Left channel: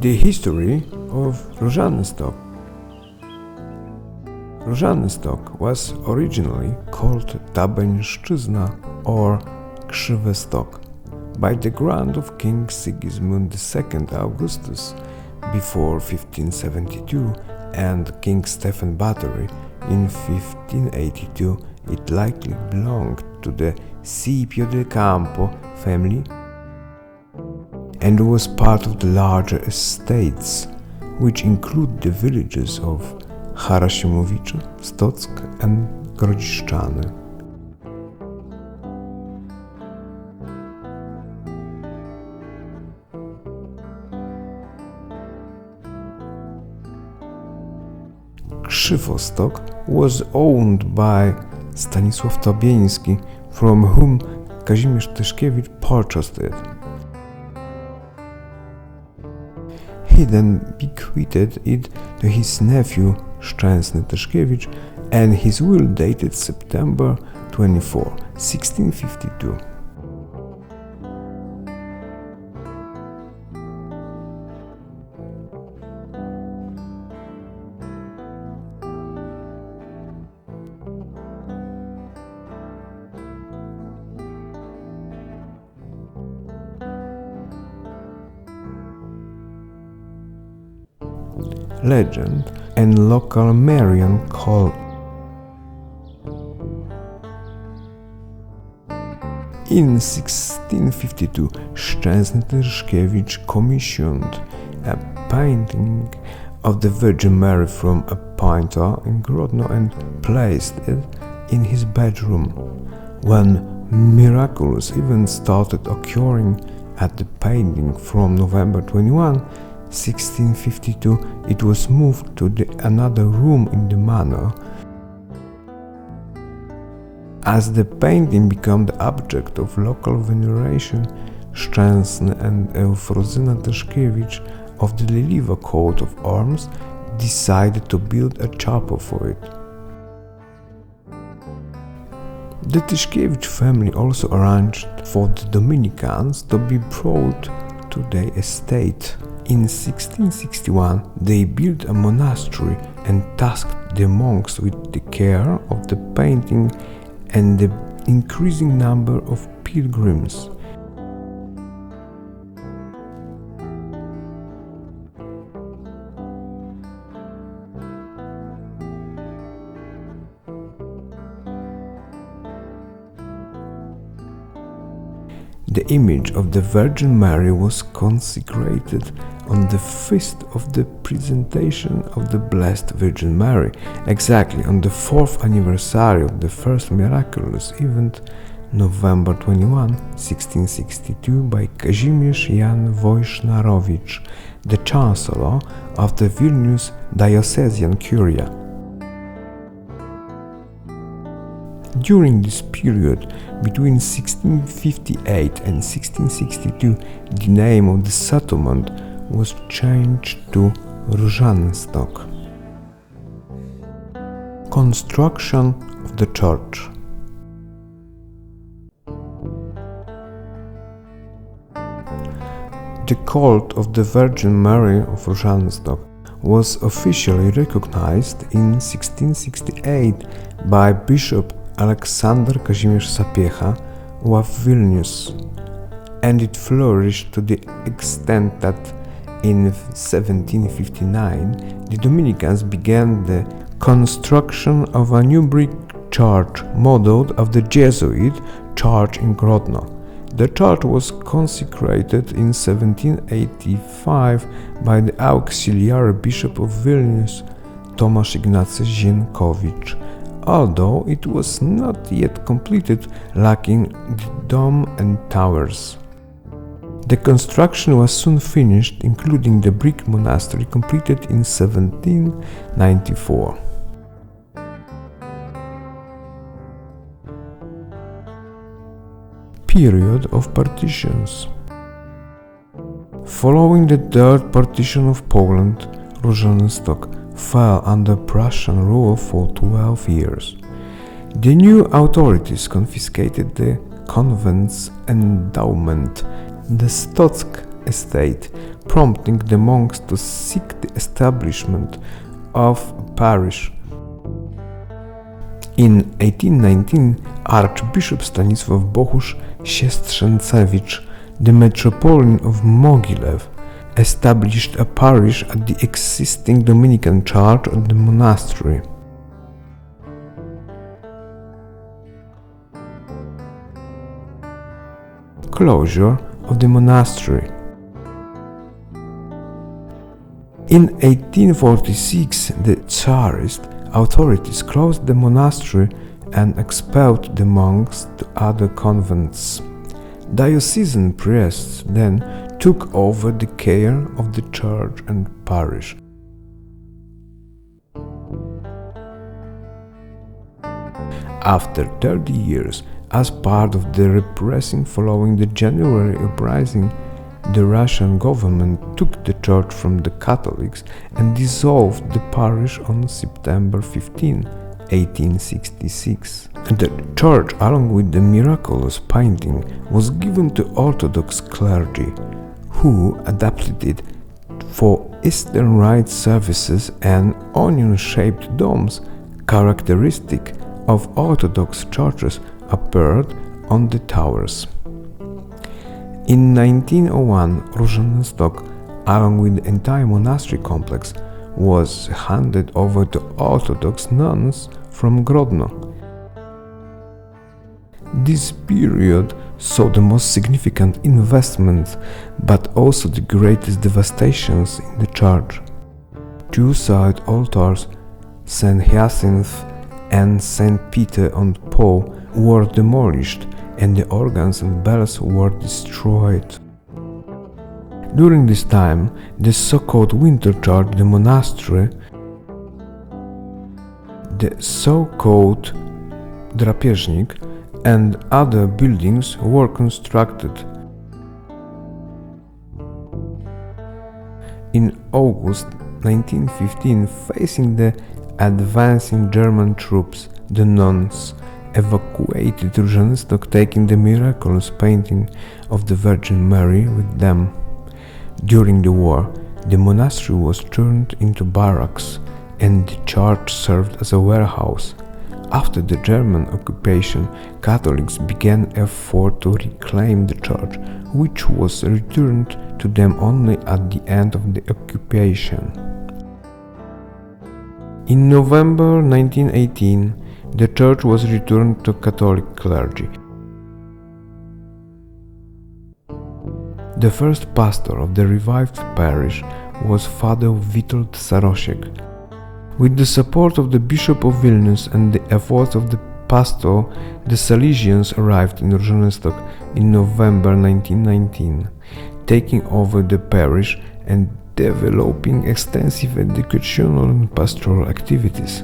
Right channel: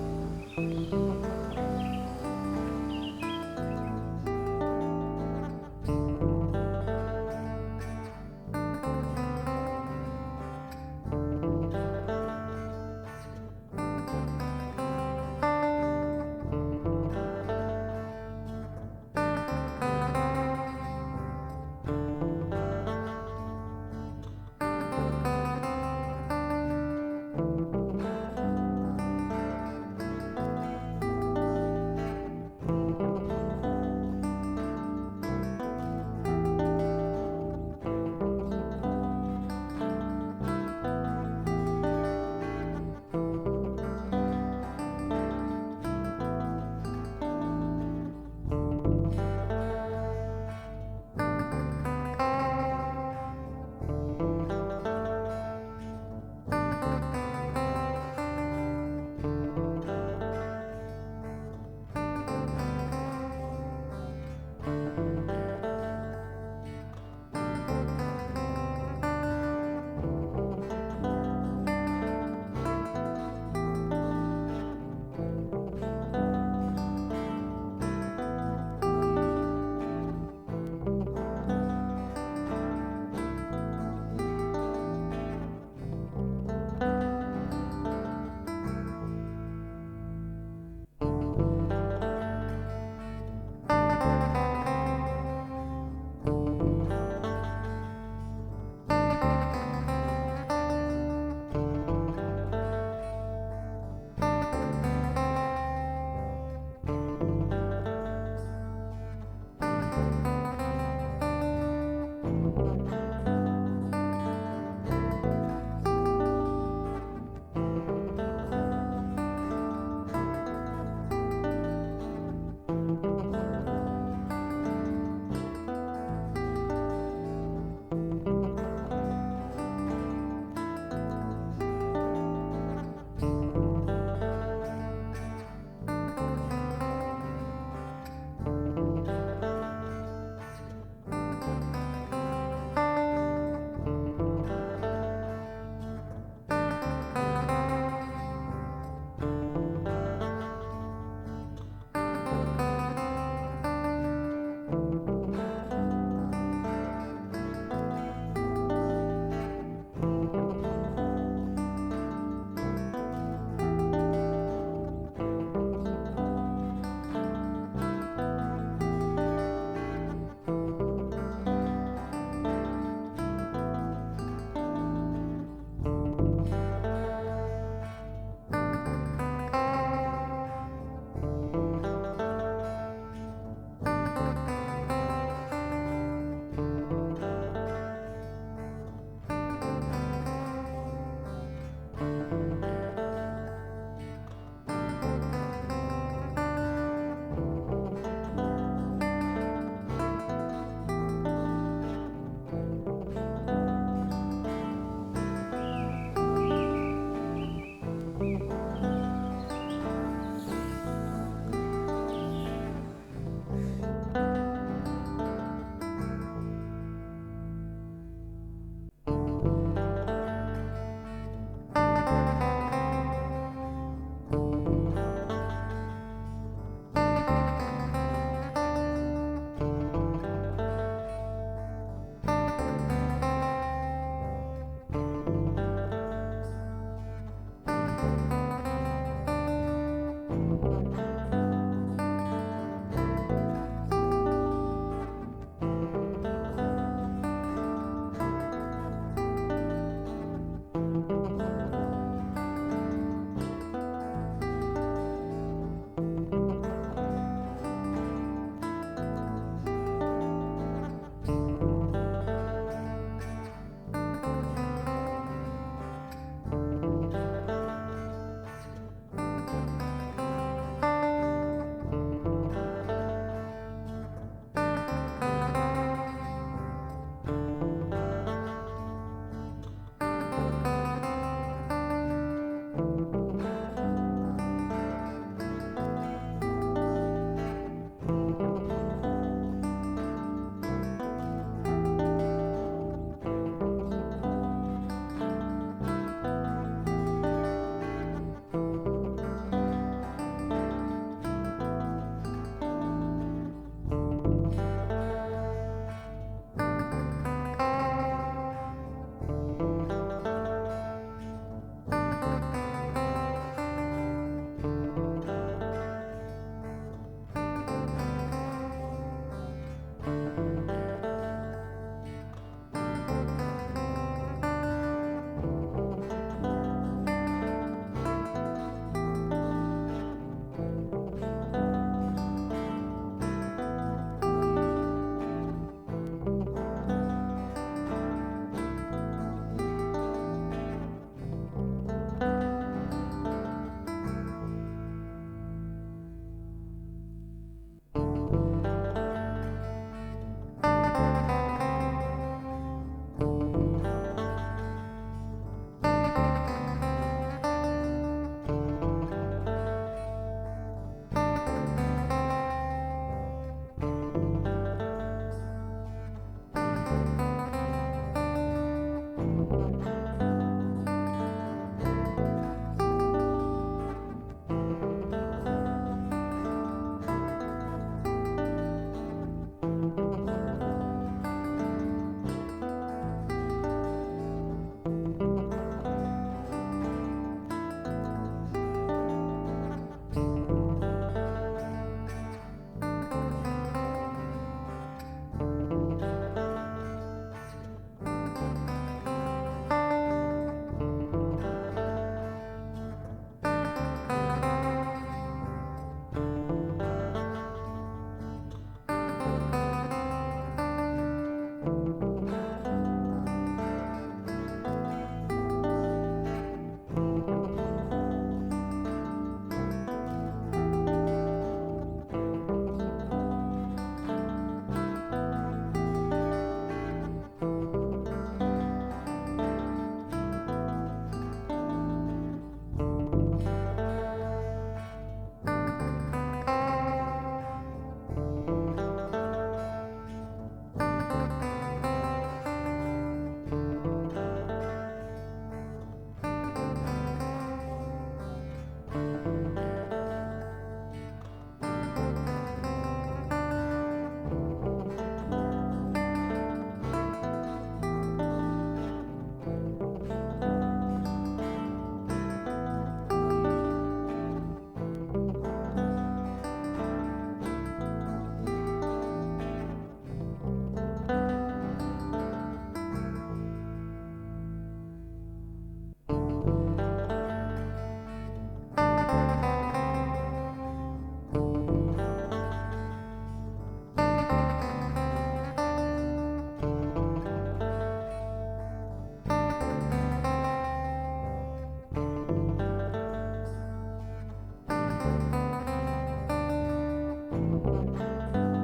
The history of Różanystok. Różanystok was originally called Tabeńszczyzna or Krzywy Stok by the grant of King Sigismund II Augustus before 1572 and King Stephen Bathory in 1582. It likely belonged to the Scipio del Campo family and was part of the larger estates, which include the villages of Harasimowice, Stock and Grodziszczany. Krzywostok was owned by Stanisław Tobieński, from whom Kazimierz Tyszkiewicz purchased it. He then bequeathed it to his nephew Szczęsny Tyszkiewicz, and his will dated September 24, 1652. Legend and local Marian call. In 1652, Szczęsny Tyszkiewicz commissioned a painting of the Virgin Mary from a painter in Grodno and placed it in his bedroom. When miraculous events started occurring at the painting from November 21, 1652, it was moved to another room in the manor. As the painting became the object of local veneration, Szczęsny and Eufrozyna Tyszkiewicz of the Liliwa coat of arms decided to build a chapel for it. The Tyszkiewicz family also arranged for the Dominicans to be brought to their estate. In 1661, they built a monastery and tasked the monks with the care of the painting and the increasing number of pilgrims. The image of the Virgin Mary was consecrated on the feast of the presentation of the Blessed Virgin Mary, exactly on the 4th anniversary of the first miraculous event, November 21, 1662, by Kazimierz Jan Wojsznarowicz, the Chancellor of the Vilnius Diocesan Curia. During this period, between 1658 and 1662, the name of the settlement was changed to Różanystok. Construction of the church. The cult of the Virgin Mary of Różanystok was officially recognized in 1668 by Bishop Aleksander Kazimierz Sapiecha of Vilnius, and it flourished to the extent that in 1759 the Dominicans began the construction of a new brick church modeled of the Jesuit church in Grodno. The church was consecrated in 1785 by the auxiliary bishop of Vilnius, Tomasz Ignacy Zienkowicz, although it was not yet completed, lacking the dome and towers. The construction was soon finished, including the brick monastery completed in 1794. Period of partitions. Following the third partition of Poland, Różanystok fell under Prussian rule for 12 years. The new authorities confiscated the convent's endowment, the Stock estate, prompting the monks to seek the establishment of a parish. In 1819, Archbishop Stanisław Bohusz Siestrzęcewicz, the Metropolitan of Mogilev, established a parish at the existing Dominican church of the monastery. Closure of the monastery. In 1846, the Tsarist authorities closed the monastery and expelled the monks to other convents. Diocesan priests then took over the care of the church and parish. After 30 years, as part of the repression following the January uprising, the Russian government took the church from the Catholics and dissolved the parish on September 15, 1866. The church, along with the Miraculous painting, was given to Orthodox clergy, who adapted it for Eastern Rite services and onion-shaped domes, characteristic of Orthodox churches, appeared on the towers. In 1901, Różanystok, along with the entire monastery complex, was handed over to Orthodox nuns from Grodno. This period saw the most significant investments, but also the greatest devastations in the church. Two side altars, St. Hyacinth and St. Peter and Paul, were demolished, and the organs and bells were destroyed. During this time, the so-called winter church, the monastery, the so-called drapieżnik, and other buildings were constructed. In August 1915, facing the advancing German troops, the nuns evacuated Różanystok, taking the Miraculous painting of the Virgin Mary with them. During the war, the monastery was turned into barracks and the church served as a warehouse. After the German occupation, Catholics began effort to reclaim the church, which was returned to them only at the end of the occupation. In November 1918, the church was returned to Catholic clergy. The first pastor of the revived parish was Father Witold Sarosiek. With the support of the Bishop of Vilnius and the efforts of the pastor, the Salesians arrived in Różanystok in November 1919, taking over the parish and developing extensive educational and pastoral activities.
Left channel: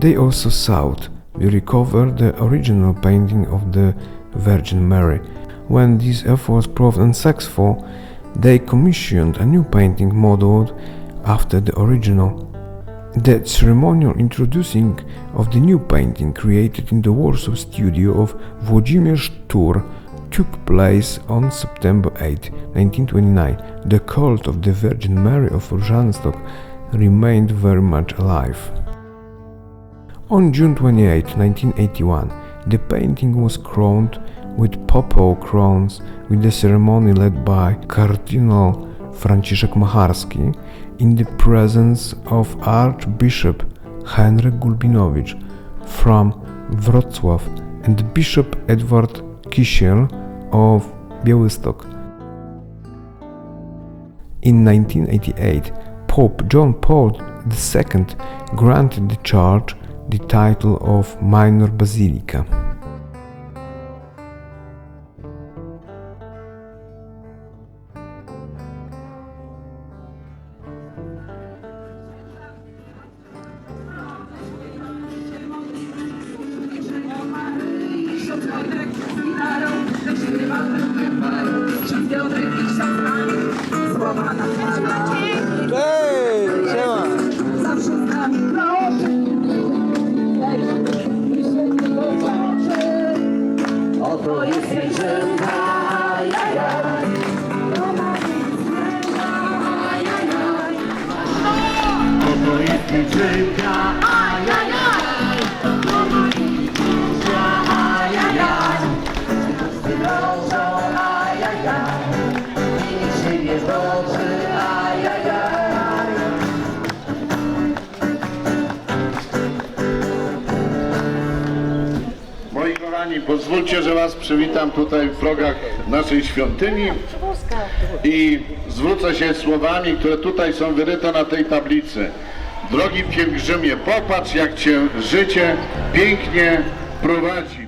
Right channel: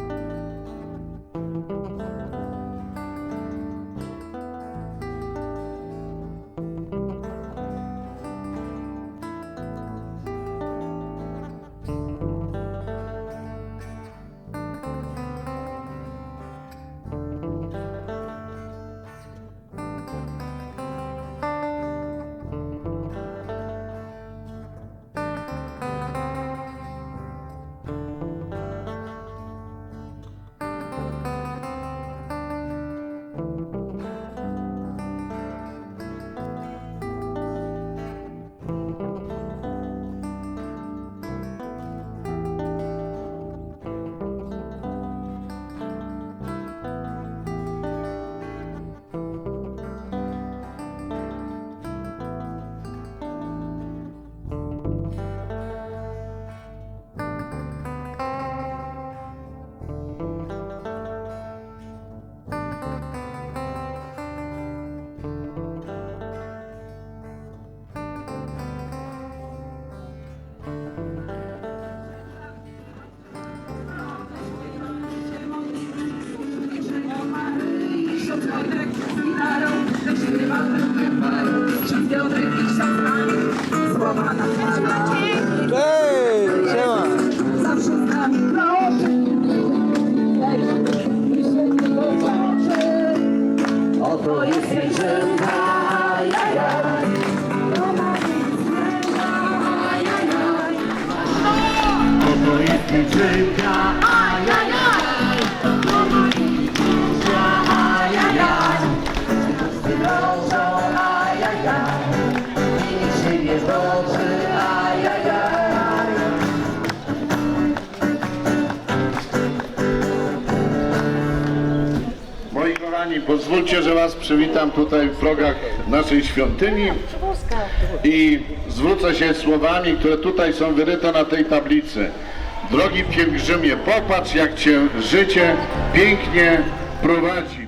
They also sought to recover the original painting of the Virgin Mary. When these efforts proved unsuccessful, they commissioned a new painting modeled after the original. The ceremonial introducing of the new painting, created in the Warsaw studio of Włodzimierz Tur, took place on September 8, 1929. The cult of the Virgin Mary of Różanystok remained very much alive. On June 28, 1981, the painting was crowned with papal crowns, with the ceremony led by Cardinal Franciszek Macharski in the presence of Archbishop Henryk Gulbinowicz from Wrocław and Bishop Edward Kisiel of Białystok. In 1988, Pope John Paul II granted the church the title of Minor Basilica. Słowa na Pielgrzymka, ajajaj, ajajaj, rodzą, ajajaj, i nic się nie rodzi, ajajaj. Moi kochani, pozwólcie, że Was przywitam tutaj w progach naszej świątyni i zwrócę się słowami, które tutaj są wyryte na tej tablicy. Drogi pielgrzymie, popatrz, jak Cię życie pięknie prowadzi.